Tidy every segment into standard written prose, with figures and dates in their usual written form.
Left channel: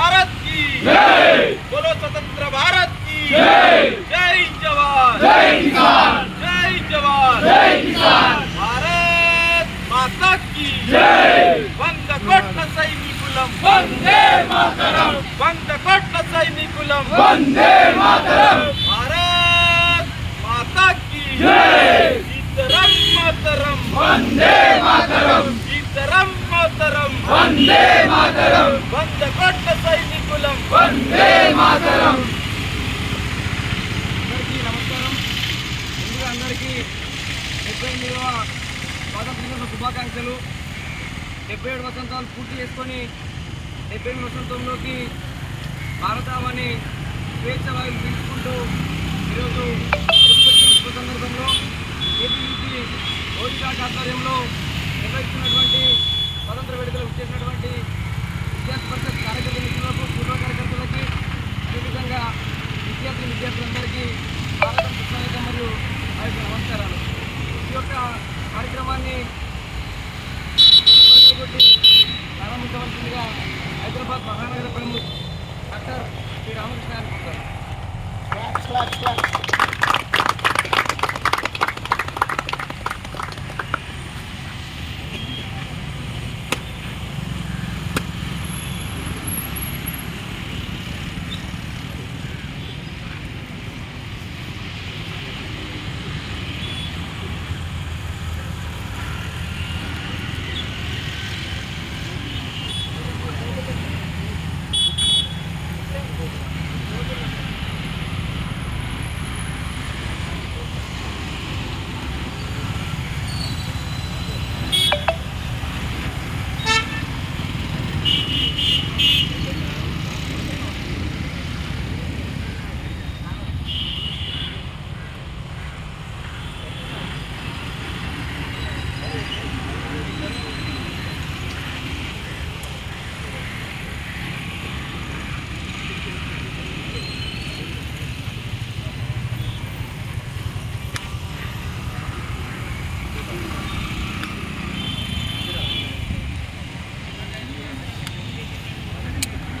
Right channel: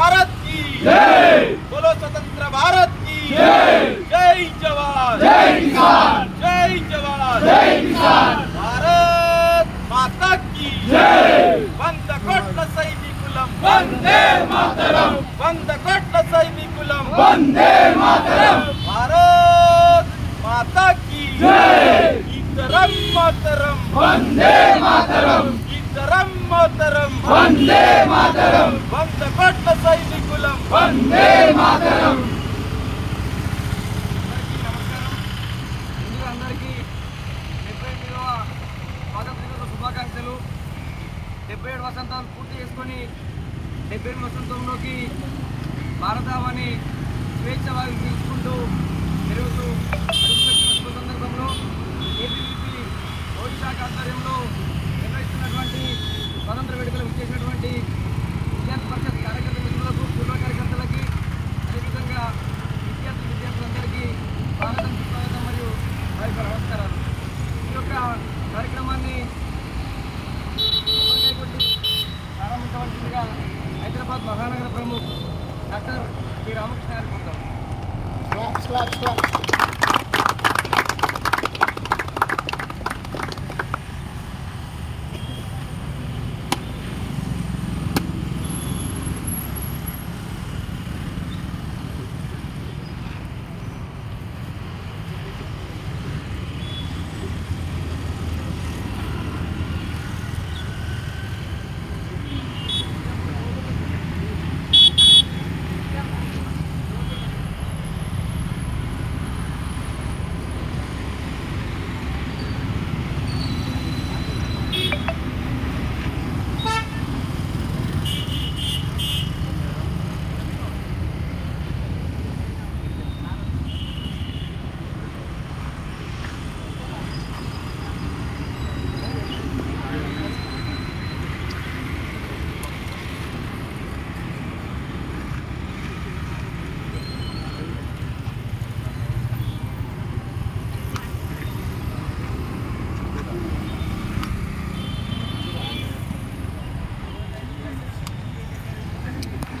भारत की जय, बोलो स्वतंत्र भारत की जय, जय जवान जय किसान, जय जवान जय किसान, भारत माता की जय, వంద కోట్ల సైనికులం వందే మాతరం, వంద కోట్ల సైనికులం వందే మాతరం, భారత్ మాతా की जय, ఇతరం మాతరం వందే మాతరం, ఇతరం మాతరం వందే మాతరం, వంద కోట్ల సైనికులం వందే మాతరం. నమస్కారం. ముందుగా అందరికీ 78వ స్వాతంత్ర దినోత్సవ శుభాకాంక్షలు. 77 వసంతాలు పూర్తి చేసుకొని 78 వసంతంలోకి భారతావని స్వేచ్ఛ వాయువు పీల్చుకుంటూ ఈరోజు అడుగుపెట్టిన శుభ సందర్భంలో ఏపీపీ ఓడిశా ఆధ్వర్యంలో నిర్వహిస్తున్నటువంటి స్వాతంత్ర వేడుకలు ఇచ్చేసినటువంటి విద్యార్థి పరిషత్ కార్యకర్త మిత్రులకు, పూర్వ కార్యకర్తలకి, అదేవిధంగా విద్యార్థులందరికీ స్వాగతం, సుస్వాగతం మరియు నమస్కారాలు. ఈ యొక్క కార్యక్రమాన్ని ప్రారంభించవలసిందిగా హైదరాబాద్ మహానగర ప్రముఖ్ డాక్టర్ శ్రీ రామకృష్ణ గారిని కోరుతారు.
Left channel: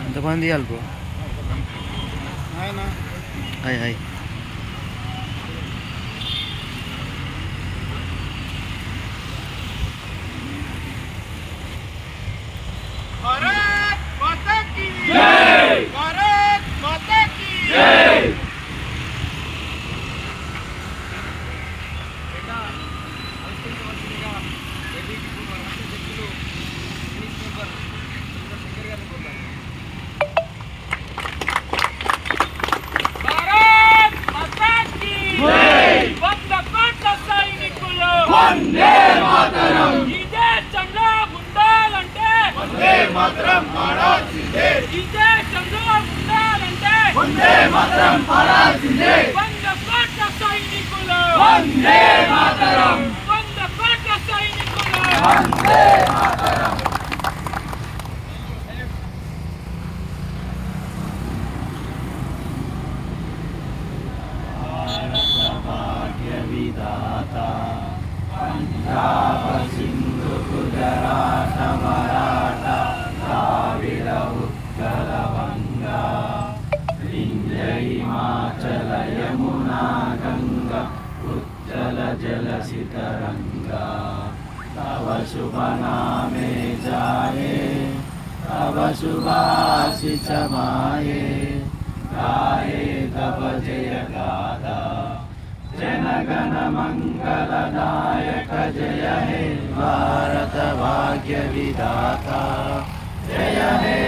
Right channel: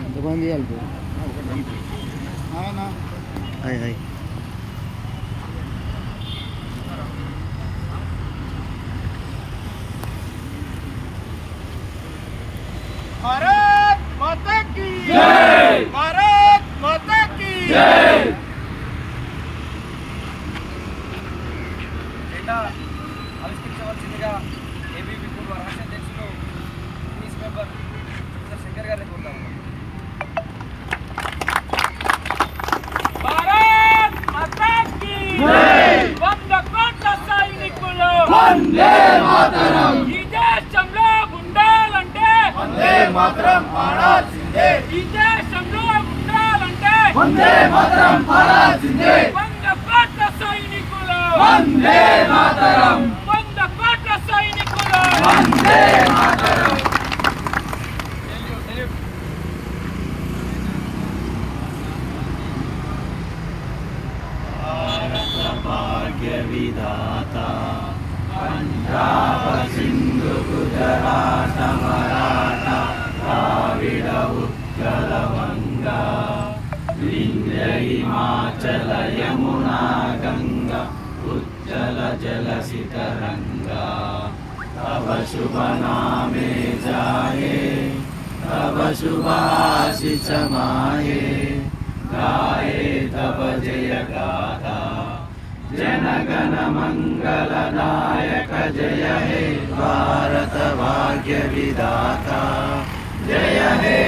ఎంతమంది అల్పు హాయ్ హాయ్ भारत माता की जय, भारत माता की जय. ఆవిష్కరించవలసిందిగా ఏబీపీ పూర్వ రాష్ట్ర అధ్యక్షులు ఇంగ్లీష్ మెంబర్ శంకర్ గారిని కోరుతాము. భారత్ మాతా కి జై, వంద కోట్ల సైనికులు వందే మాతరం, ఈ దేశంలో ఉండాలంటే వందే మాతరం పాడాల్సిందే, ఈ దేశంలో ఉండాలంటే వందే మాతరం పాడాల్సిందే, వంద కోట్ల సైనికులు వందే మాతరం, వంద కోట్ల సైనికులు వందే మాతరం. భారత భాగ్య విధాత పంజాబ సింధు గుజరాట మరాఠ ద్రావిడ ఉత్కల వంగా వింధ్య హిమాచల యమునా గంగా ఉజ్జల జలసిత రంగా తవ శుభ నామే జాయే తవ శుభాశిష మాయే गाये तव जय गाथा जनगण मंगल नायक जय हे भारत भाग्य विधाता जय हे